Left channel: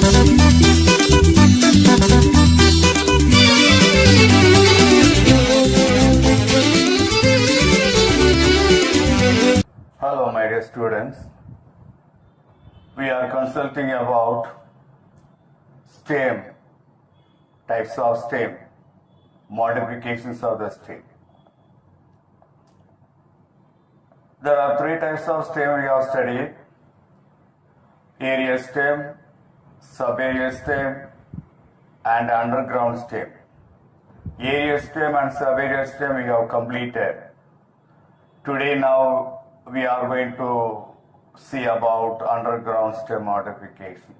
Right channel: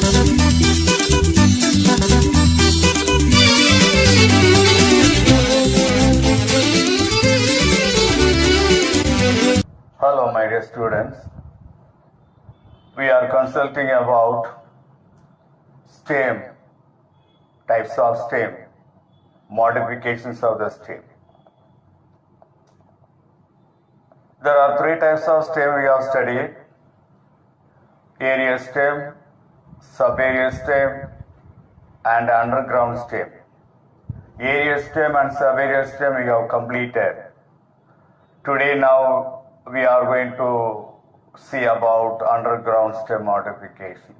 Hello, my dear students. We are consulting about stem, types of stem, modifications of the stem. There are three types of stem we have studied: aerial stem, subaerial stem, and underground stem. Aerial stem and subaerial stem we have completed. Today now we are going to see about underground stem modification.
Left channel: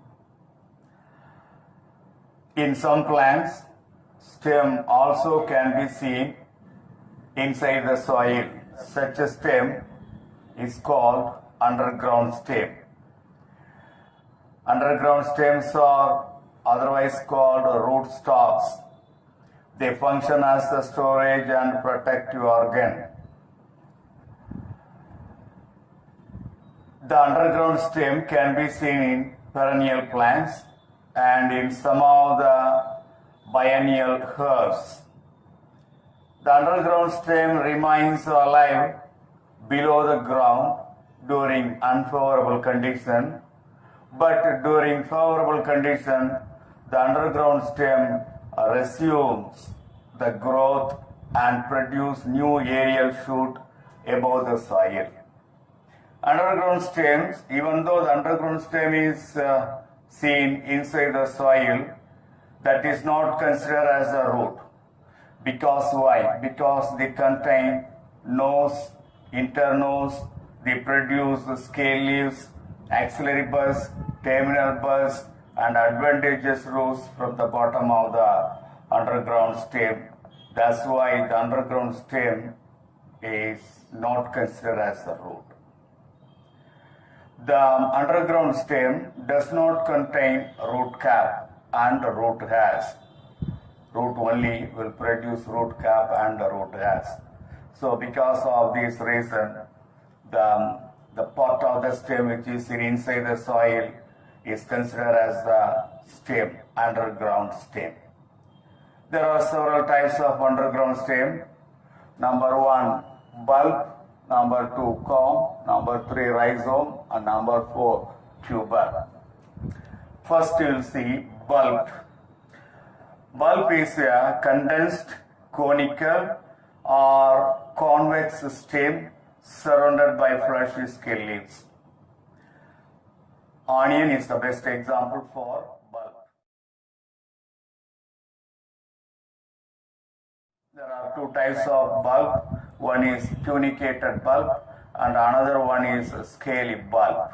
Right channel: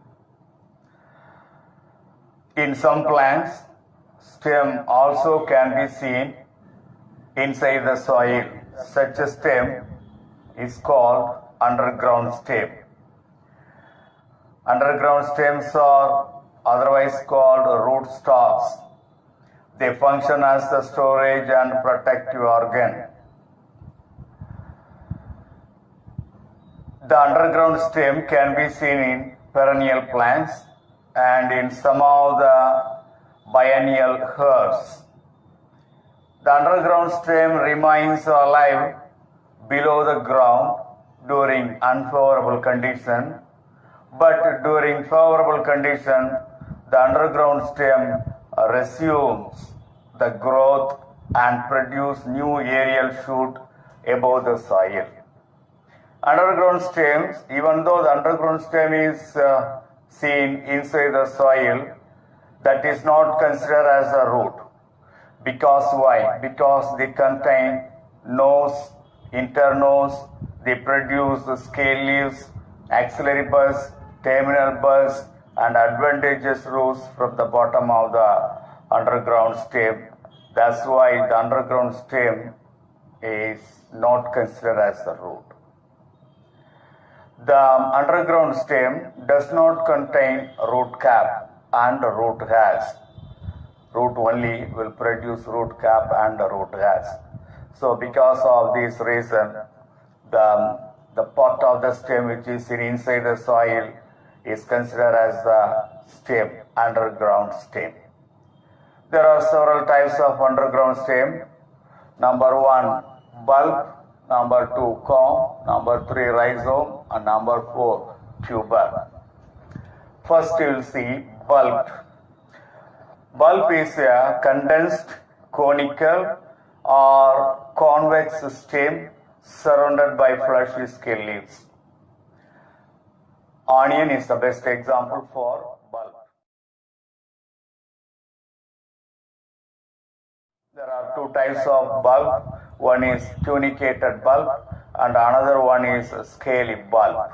In some plants, stem also can be seen inside the soil. Such a stem is called underground stem. Underground stems are otherwise called root stocks. They function as a storage and protective organ. The underground stem can be seen in perennial plants and in some of the biennial herbs. The underground stem remains alive below the ground during unfavorable conditions, but during favorable conditions, the underground stem resumes the growth and produces new aerial shoot above the soil. Underground stems, even though the underground stem is seen inside the soil, that is not considered as a root. Because why? Because they contain nodes, internodes, they produce scale leaves, axillary buds, terminal buds, and advantageous roots from the bottom of the underground stem. That's why the underground stem is not considered as a root. The underground stem does not contain root cap and root hairs. Root only will produce root cap and root hairs. So because of this reason, the part of the stem which is inside the soil is considered as the stem, underground stem. There are several types of underground stem. Number 1, bulb. Number 2, corm. Number 3, rhizome. And number 4, tuber. First you will see bulb. Bulb is a condensed, conical or convex stem surrounded by fleshy scale leaves. Onion is the best example for bulb. There are two types of bulb. One is tunicated bulb and another one is scaly bulb.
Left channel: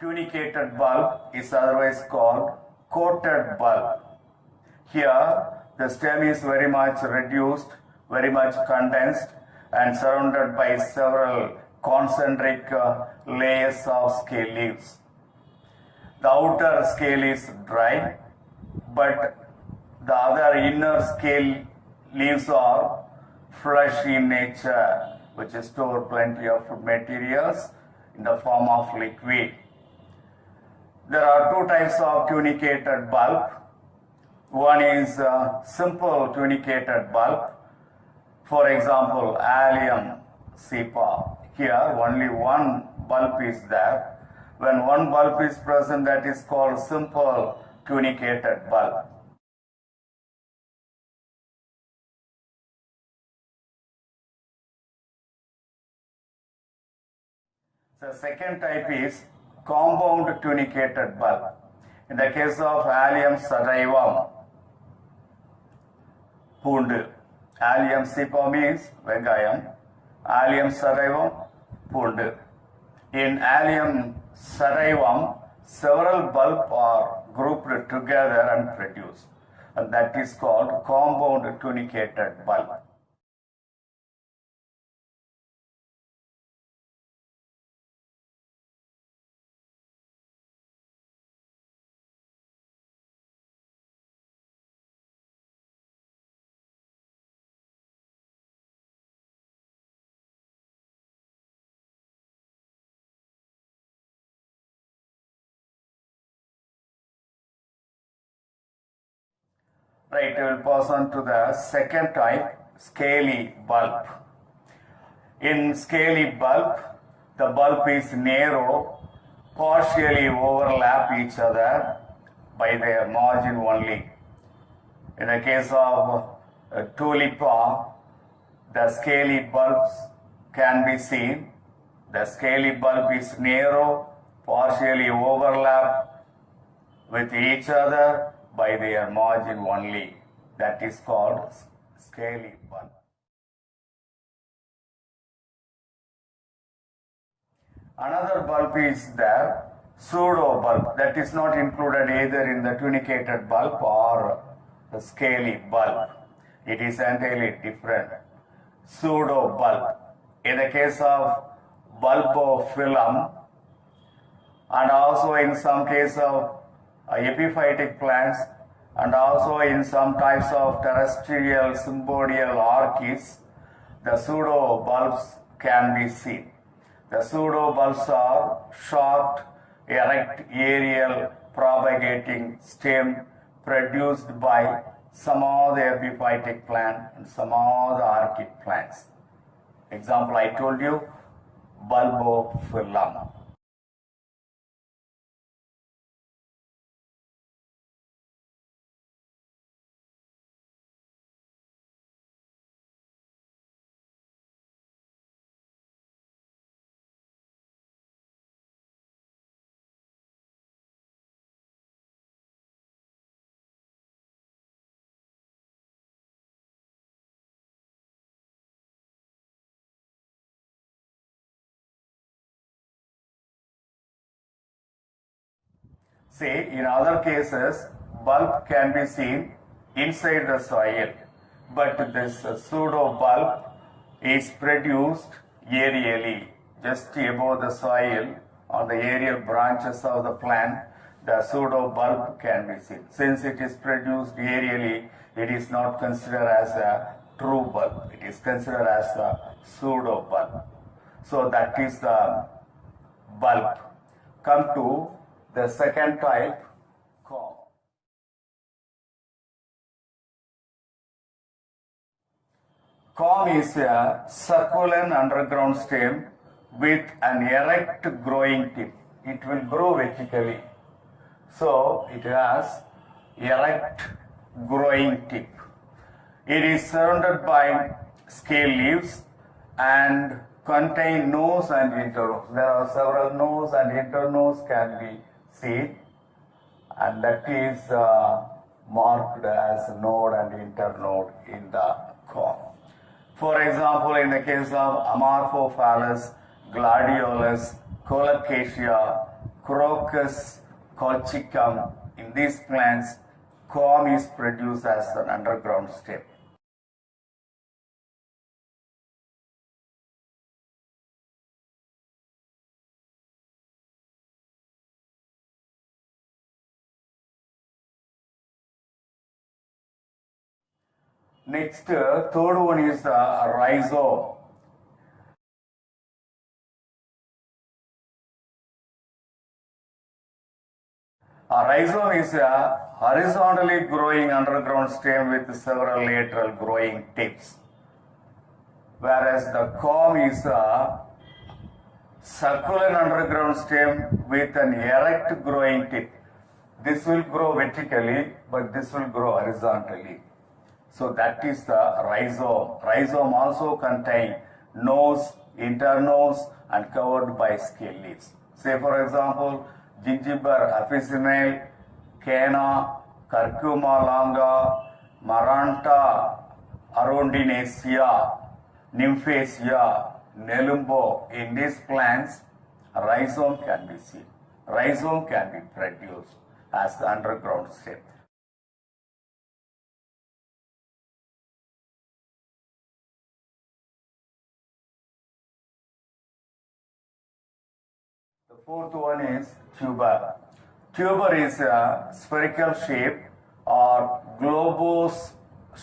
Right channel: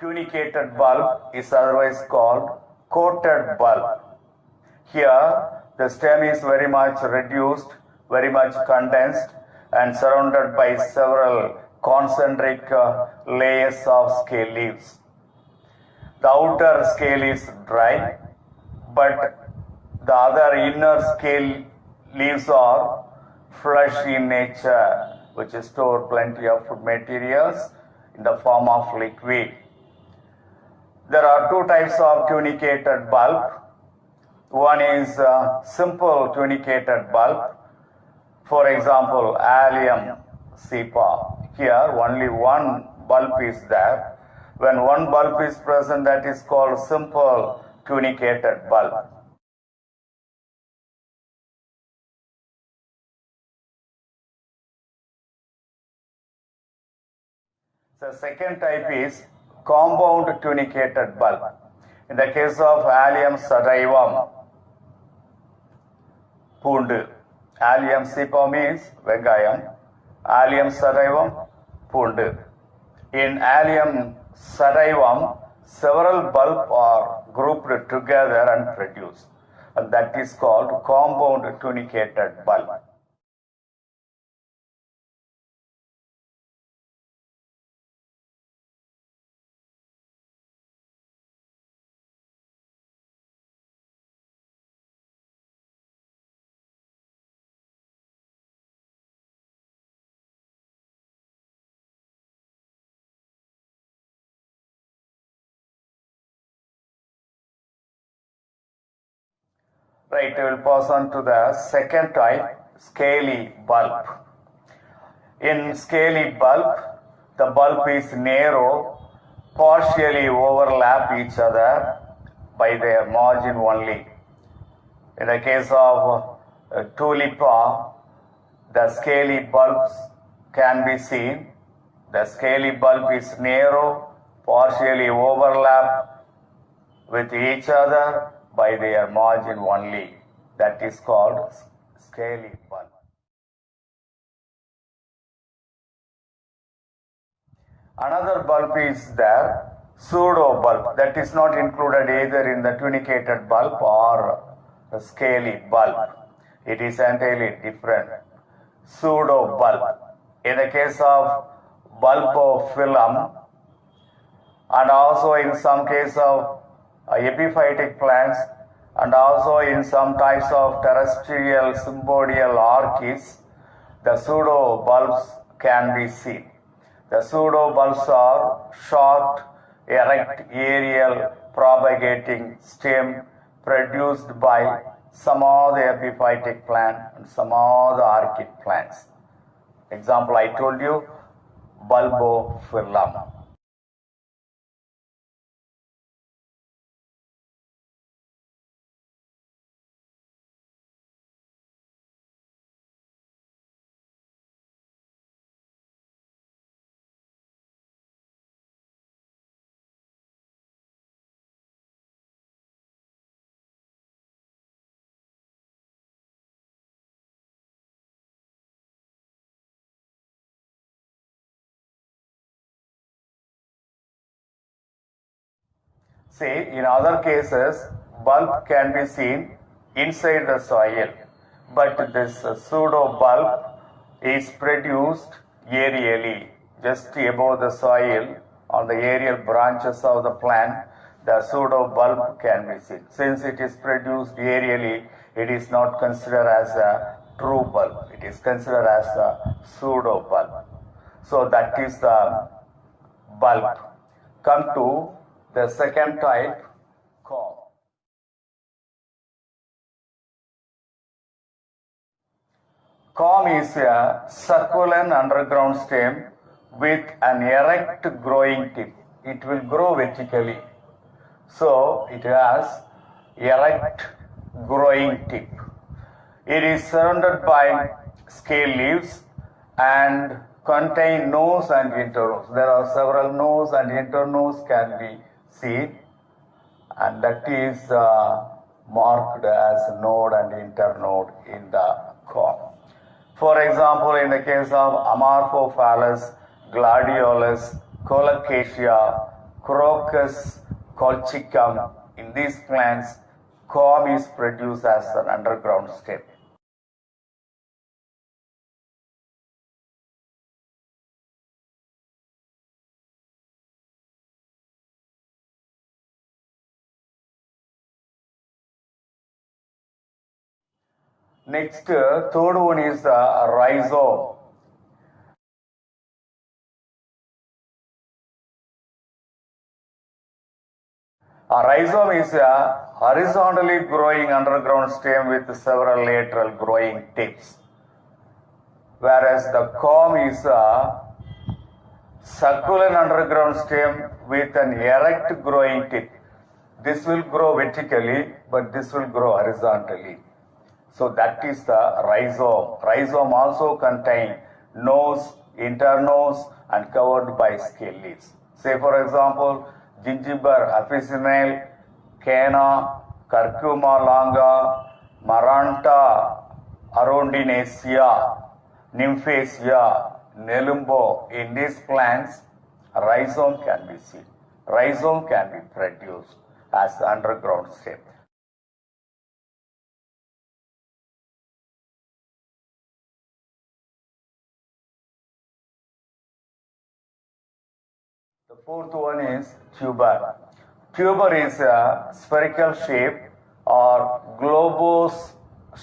Tunicated bulb is otherwise called coated bulb. Here the stem is very much reduced, very much condensed and surrounded by several concentric layers of scale leaves. The outer scale is dry, but the other inner scale leaves are fleshy in nature, which store plenty of food materials in the form of liquid. There are two types of tunicated bulb. One is simple tunicated bulb. For example, Allium cepa. Here only one bulb is there. When one bulb is present, that is called simple tunicated bulb. The second type is compound tunicated bulb. In the case of Allium sativum, pundu. Allium cepa means vengayam. Allium sativum, pundu. In Allium sativum, several bulbs are grouped together and produced. And that is called compound tunicated bulb. Right, we will pass on to the second type, scaly bulb. In scaly bulb, the bulb is narrow, partially overlap each other by their margin only. In the case of tulipa, the scaly bulbs can be seen. The scaly bulb is narrow, partially overlap with each other by their margin only. That is called scaly bulb. Another bulb is the pseudo bulb, that is not included either in the tunicated bulb or the scaly bulb. It is entirely different. Pseudo bulb. In the case of bulbophyllum, and also in some case of epiphytic plants, and also in some types of terrestrial symbodial orchids, the pseudo bulbs can be seen. The pseudo bulbs are short, erect, aerial, propagating stem produced by some of the epiphytic plant and some of the orchid plants. Example I told you, bulbophyllum. See, in other cases, bulb can be seen inside the soil, but this pseudo bulb is produced aerially, just above the soil on the aerial branches of the plant. The pseudo bulb can be seen. Since it is produced aerially, it is not considered as a true bulb. It is considered as a pseudo bulb. So that is the bulb. Come to the second type, corm. Corm is a succulent underground stem with an erect growing tip. It will grow vertically. So it has erect growing tip. It is surrounded by scale leaves and contain nodes and internodes. There are several nodes and internodes can be seen, and that is marked as node and internode in the corm. For example, in the case of Amorphophallus, Gladiolus, Colocasia, Crocus colchicum, in these plants, corm is produced as an underground stem. Next, third one is the rhizome. A rhizome is a horizontally growing underground stem with several lateral growing tips, whereas the corm is a succulent underground stem with an erect growing tip. This will grow vertically, but this will grow horizontally. So that is the rhizome. Rhizome also contain nodes, internodes, and covered by scale leaves. Say for example, Gingiber officinale, Cana, Curcuma longa, Maranta arundinacea, Nymphaceae, Nelumbo. In these plants, rhizome can be seen. Rhizome can be produced as the underground stem. The fourth one is tuber. Tuber is a spherical shape or globose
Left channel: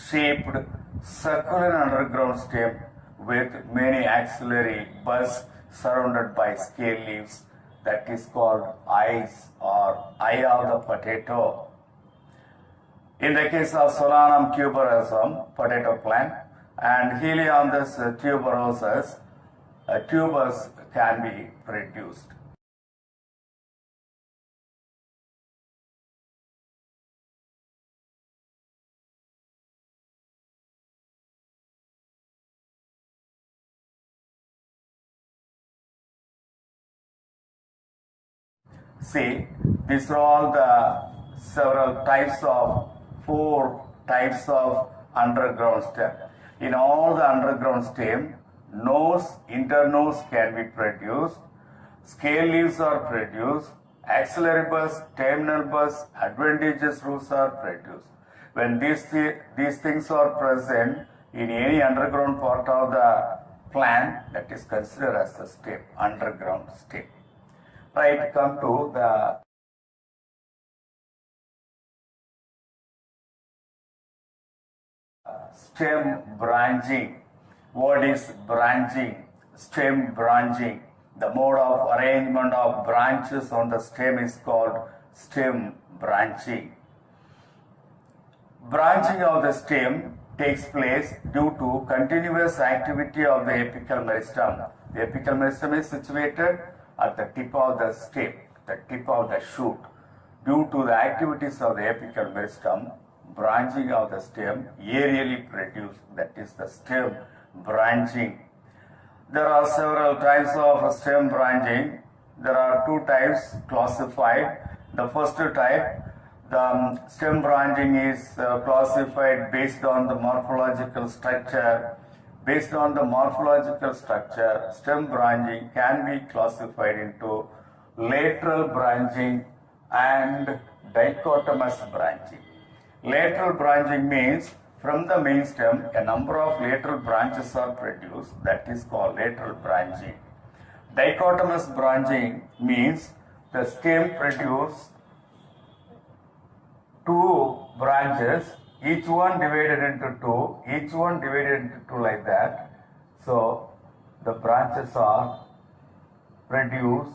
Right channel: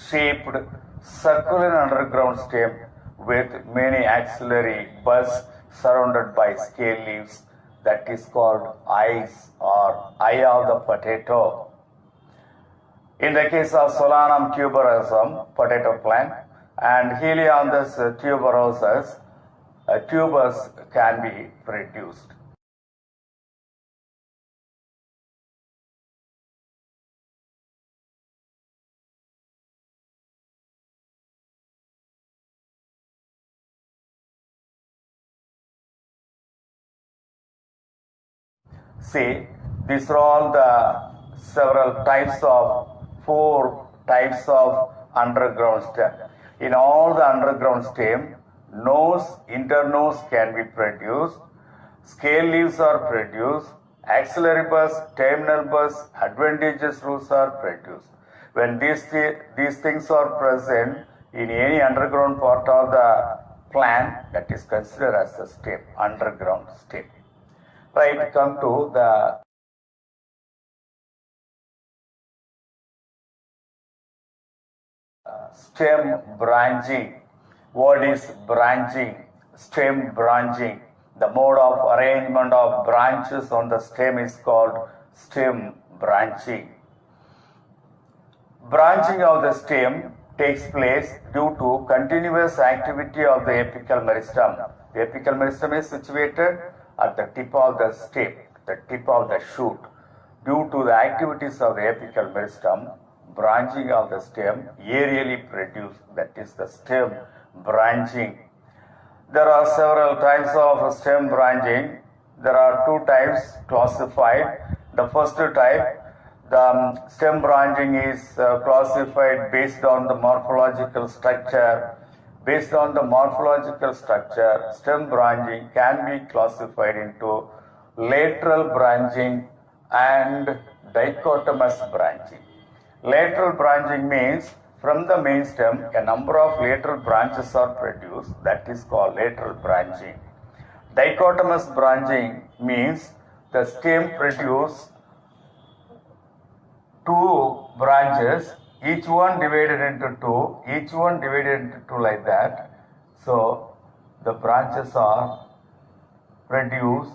shaped succulent underground stem with many axillary buds surrounded by scale leaves. That is called eyes or eye of the potato. In the case of Solanum tuberosum, potato plant, and Helianthus tuberosus, tubers can be produced. See, these are all the several types of 4 types of underground stem. In all the underground stem, nose, internose can be produced, scale leaves are produced, axillary buds, terminal buds, adventitious roots are produced. When these things are present in any underground part of the plant, that is considered as the stem, underground stem. Right, come to the stem branching. What is branching? Stem branching. The mode of arrangement of branches on the stem is called stem branching. Branching of the stem takes place due to continuous activity of the apical meristem. The apical meristem is situated at the tip of the stem, the tip of the shoot. Due to the activities of the apical meristem, branching of the stem aerially produced, that is the stem branching. There are several types of stem branching. There are 2 types classified. The first type, the stem branching is classified based on the morphological structure. Based on the morphological structure, stem branching can be classified into lateral branching and dichotomous branching. Lateral branching means from the main stem, a number of lateral branches are produced, that is called lateral branching. Dichotomous branching means the stem produces 2 branches, each one divided into 2, each one divided into 2 like that. So the branches are produce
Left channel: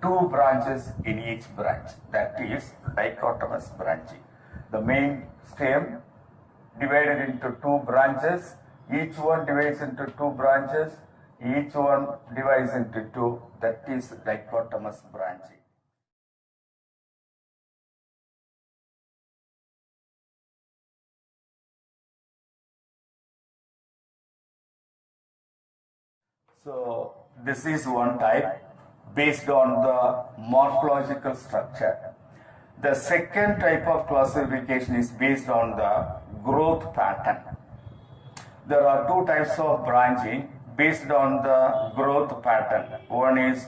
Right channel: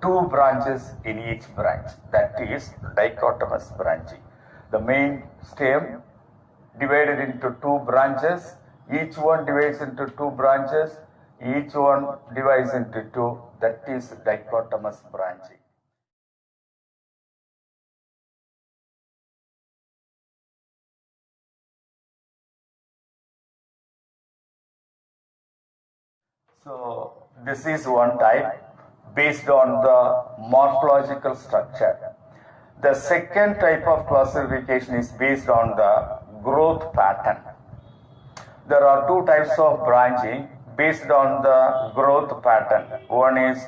2 branches in each branch, that is dichotomous branching. The main stem divided into 2 branches, each one divides into 2 branches, each one divides into 2, that is dichotomous branching. So this is one type based on the morphological structure. The second type of classification is based on the growth pattern. There are 2 types of branching based on the growth pattern. One is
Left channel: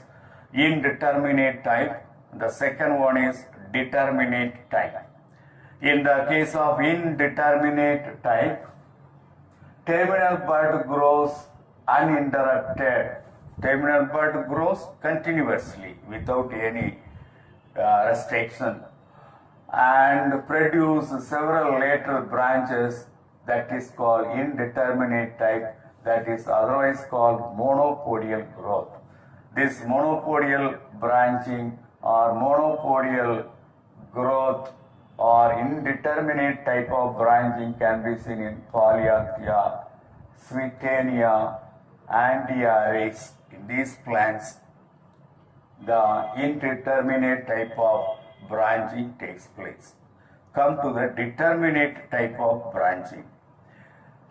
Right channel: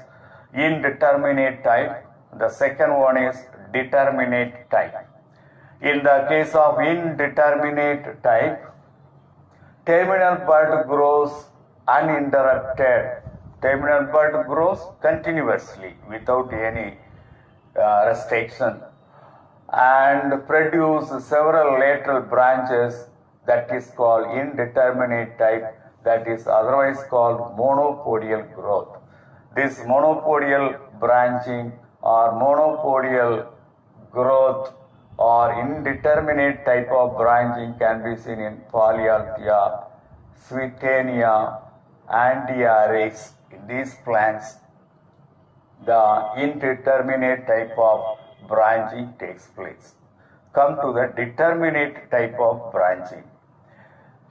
indeterminate type, the second one is determinate type. In the case of indeterminate type, terminal bud grows uninterrupted. Terminal bud grows continuously without any restriction and produce several lateral branches, that is called indeterminate type, that is otherwise called monopodial growth. This monopodial branching or monopodial growth or indeterminate type of branching can be seen in Polyalthia, Swietenia, Andiaris. In these plants, the indeterminate type of branching takes place. Come to the determinate type of branching.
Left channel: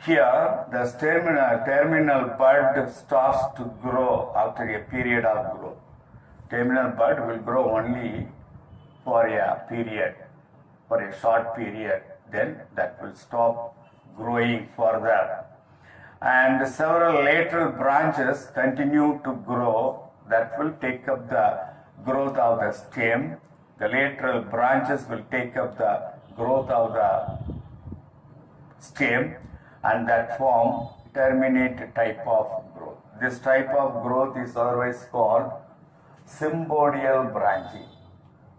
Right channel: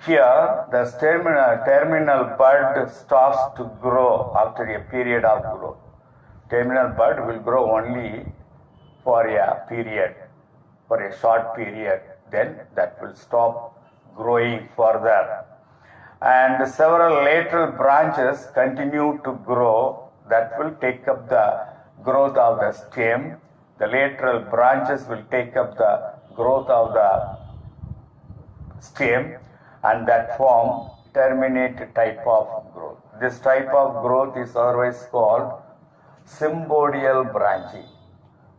Here, the terminal bud starts to grow after a period of growth. Terminal bud will grow only for a period, for a short period, then that will stop growing further. And several lateral branches continue to grow, that will take up the growth of the stem. The lateral branches will take up the growth of the stem, and that form terminate type of growth. This type of growth is otherwise called symbodial branching.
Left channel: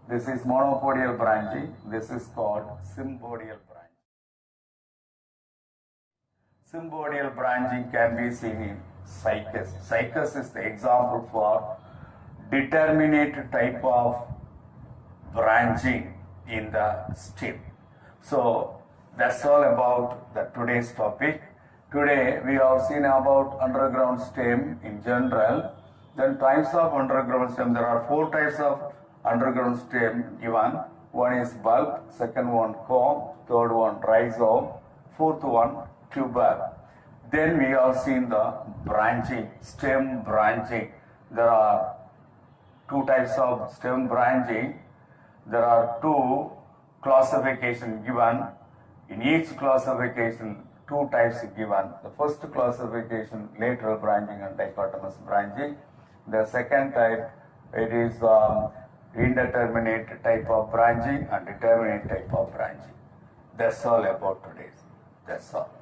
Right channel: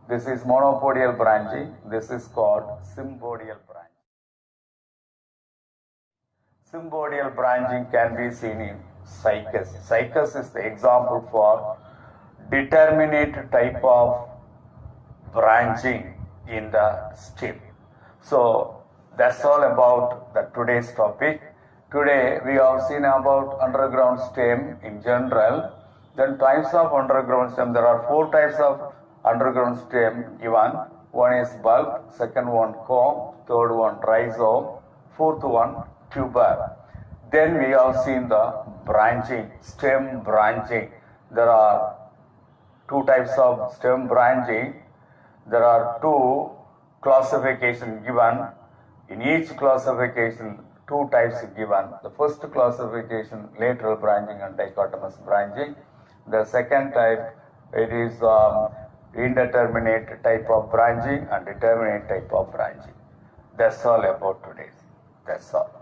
This is monopodial branching. This is called symbodial branching. Symbodial branching can be seen in cycas. Cycas is the example for determinate type of branching in the stem. So that's all about the today's topic. Today we have seen about underground stem in general. Then types of underground stem. There are 4 types of underground stem given. One is bulb, second one comb, third one rhizome, fourth one tuber. Then we have seen the branching, stem branching. There are 2 types of stem branching. There are 2 classifications given. In each classification, 2 types given. The first classification, lateral branching and dichotomous branching. The second type, it is indeterminate type of branching and determinate type of branching. That's all about today. That's all.